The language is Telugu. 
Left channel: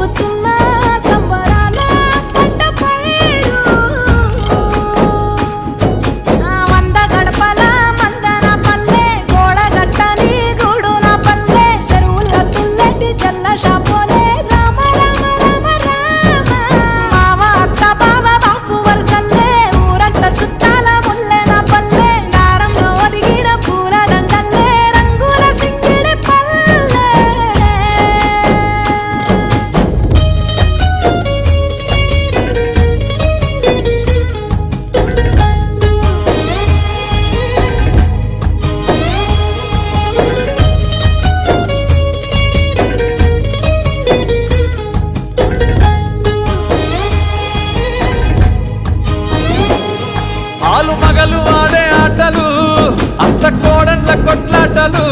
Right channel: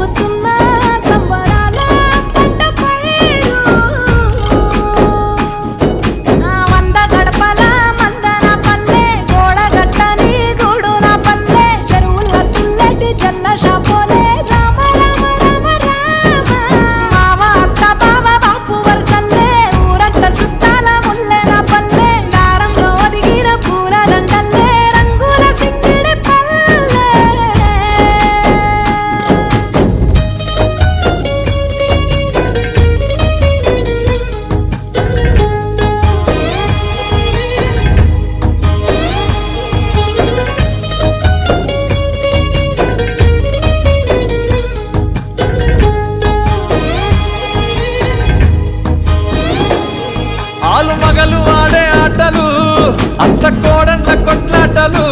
జరుగుతున్న సంబరాల పంట పైరు వంద గడపల మందన పల్లె గోడ గట్టని గూడున పల్లె చెరువుల తుల్లటి జల్ల షాపోలే రామ రామ రామ రామ మావ అత్త బావ బాపు వరసల్లే ఊరంతా సుట్టాల ముల్లెన పల్లె దారంలో ఒదిగిన పూల దండల్లే రంగుల సింగిడి పల్లె ఆలు మగలు ఆడే ఆటలు అత్త కోడన్ల కొట్లాటలు